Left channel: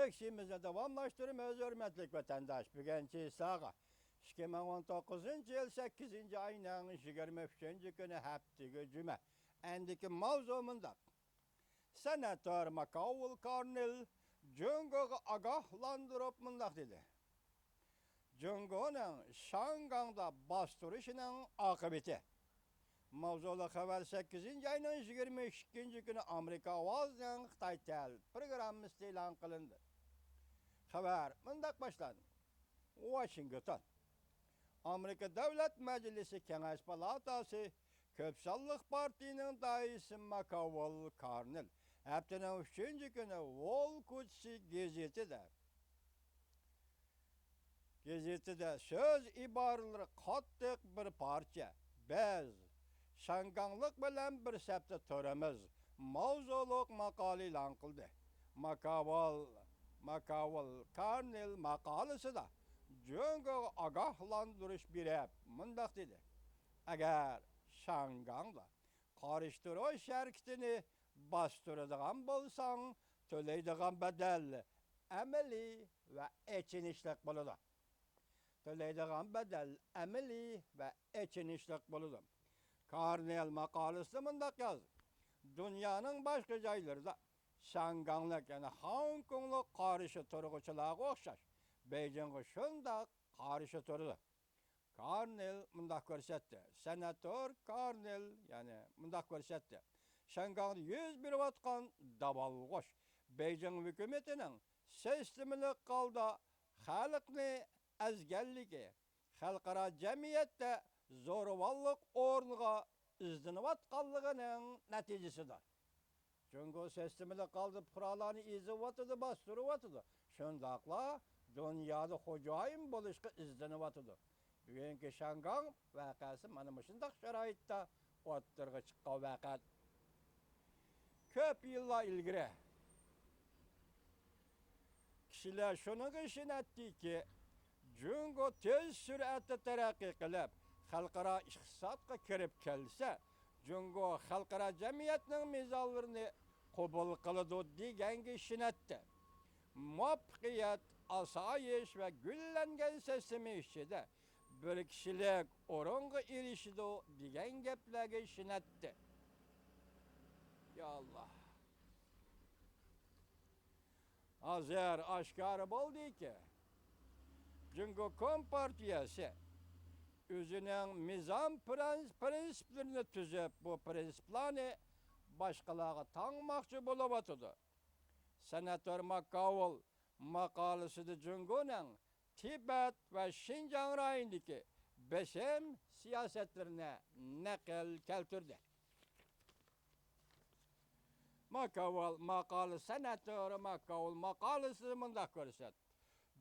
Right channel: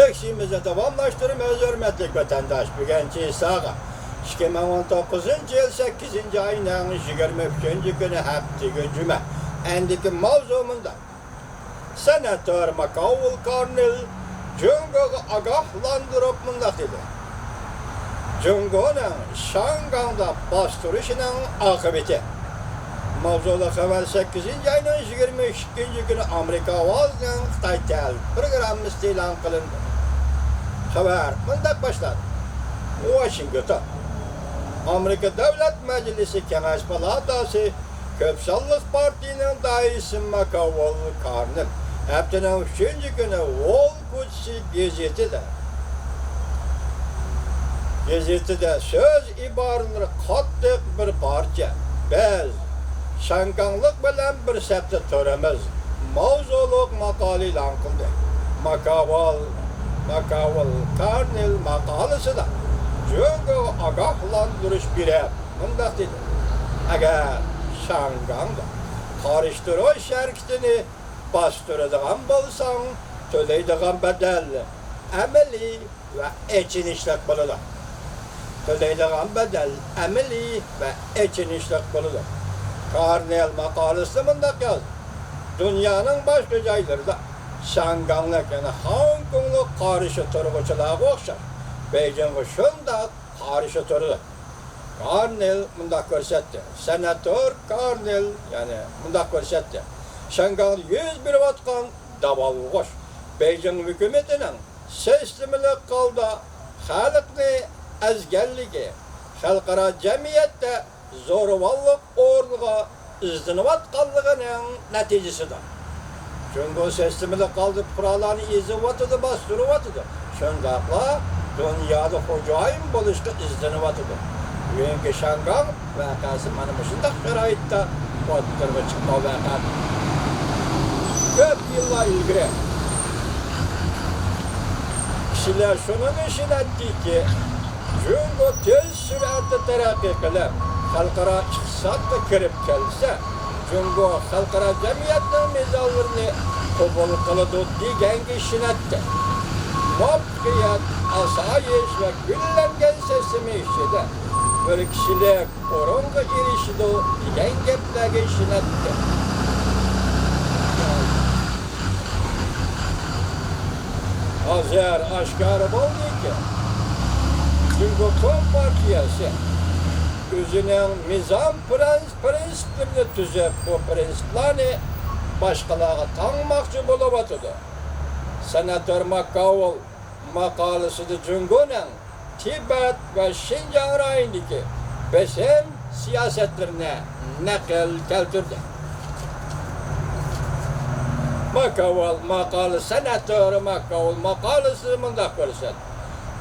Leksimizi tamamlaştırmaz hürmetlik vatandaş. Bugünkü sağa 2019 yıl 8. ayının 23. günü hafta cuma. Endiki mavzumunda Senatör Makavul Karnil Cungo'yu agahlandırıp mındak dedi. Cungo'nun Şangang'da bastırışının akıbeti. Mavzulu haber 8. ayının 22. günü Amerika Ovazı'nın Xitay Tel programı ilan kılındı. Haber mındak başladı. Washington Amerika Devlet Meclisi Kengaş Palatası Köpsallık Parti'nin daisi Makavul Karnil haftanın 3. günü Wall Gazetede söz ibarları kattık bir parça. Biz Şanganglık bilen bir septe töremiz. Mavzuluk makale ilan kıldı. Makavul Karnil makalesi da Cungo agahlandırış bire. Bundak dedi. Eğer Şangang'da karıştırı şerkitini bastırıdığın bolsan, töleydiğin bedel, emeli ve için işlek buludur. Töleydiğin bedel, emeli ve için işlek buludur. Karnil makalesi bundak yazdı. Dünyanın başka caylarında Şanganglık yani Hong Kong'luk karışı turguçuluğa okşar. Beijing'e şunda karışı turdu. Karnil bundak görsetti. Senatör Karnil yani bundak görsetti. Şangang'da 101 vatkan davalı koş. Beijing hükümetinin seslimilik kaldı. Halkını ezgerligi, halkara cemiyette zorvallık orluğa izdinivatkanlığının neticesidir. Çünkü seslimilik kaldı, buralarını izivatıdı, bastırıvatıdı. Şundakla dünyada hocayım buluştu izdinivatıdı. Bugünkü Şangang vakası bana şundak şeraitte oturma çıkma vakat. Köp yıllar ilgili kişiler şunun için etti ki çünkü tez süratle terakki kılıp halkara iktisatla kirip gelse çünkü halkara cemiyetinin mezallarını kabul kılıdı diyen kişinin etti. Mafkiyat, asayiş ve güllengen sesimi işledi. Böyle kişiler orunga girişidi diyen geplerge işinin etti. Azer aşkarı oldu ki çünkü Kompartiyası özünün nizam prensiplerini tüzüp bu prensiplerini başkalarına tanımakçı buluvatıdı. Senatör Makavul makalesi de Cungo'nun Tibet ve Şincan rayındaki beşer siyasetlerine nakil keltirdi. Makavul makalesi, senatör Makavul makalesi mındak görsen.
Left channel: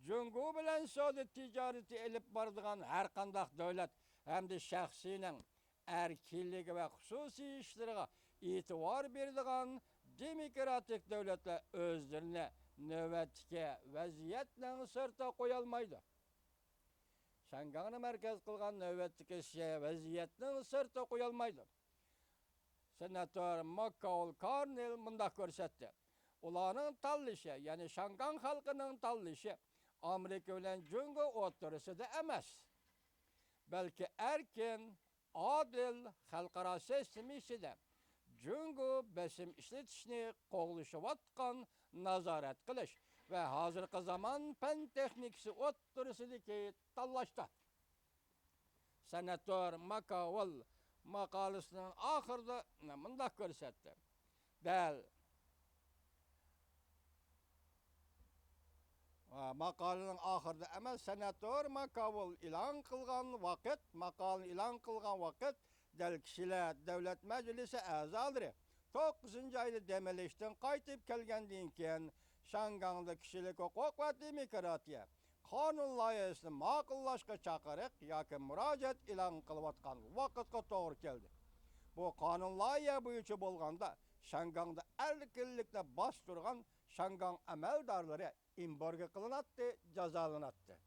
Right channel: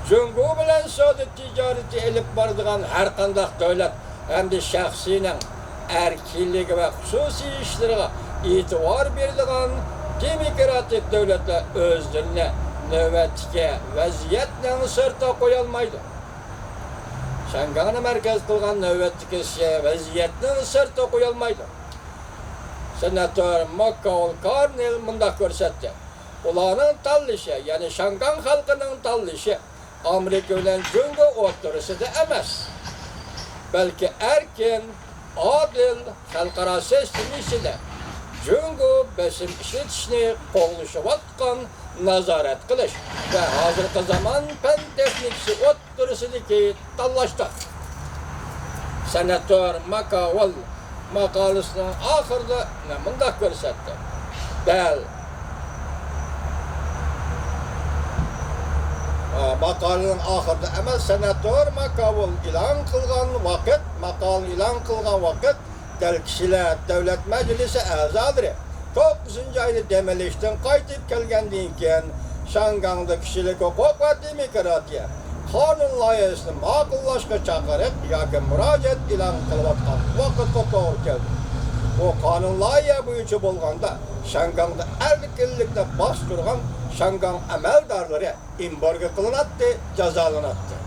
Cungo bilen soda ticareti elip bardığan her kandak devlet hem de şahsinin erkinliği ve hususi işlerine itibar berdiğan demokratik devletler özlerine nöbetke vaziyetle sırta koyulmaydı. Şangang'ı merkez kılgan nöbetke vaziyetle sırta koyulmaydı. Senatör Makavul Karnil mındak görsetti. Ulanın tallişi yani Şangang halkının tallişi Amerika ile Cungo oturuşu da emez. Belki erken, adil, halkara seslisi de Cungo besim işletişini qoğuluşu vatkan nazaret kılış ve hazırkı zaman pen teknikisi oturuşu ki tallaştı. Senatör Makavul makalesinin ahırda ne mındak görsetti. Bel makalenin ahırda ama senatör Makavul ilan kılgan vakit del kişiler devlet meclisi azadır. 9. ayını demelişten kaytıp gelgendiğinken Şangang'da kişilik hukuk ve demokratiya kanun layihasını makullaşka çağırıp yoki müracaat ilan kılıvatkan vakit doğru geldi. O kanun layihı boyunca bolganda Şangang'da erkinlikte bastırgan Şangang əməldarları embargo kılınattı, cezalanattı.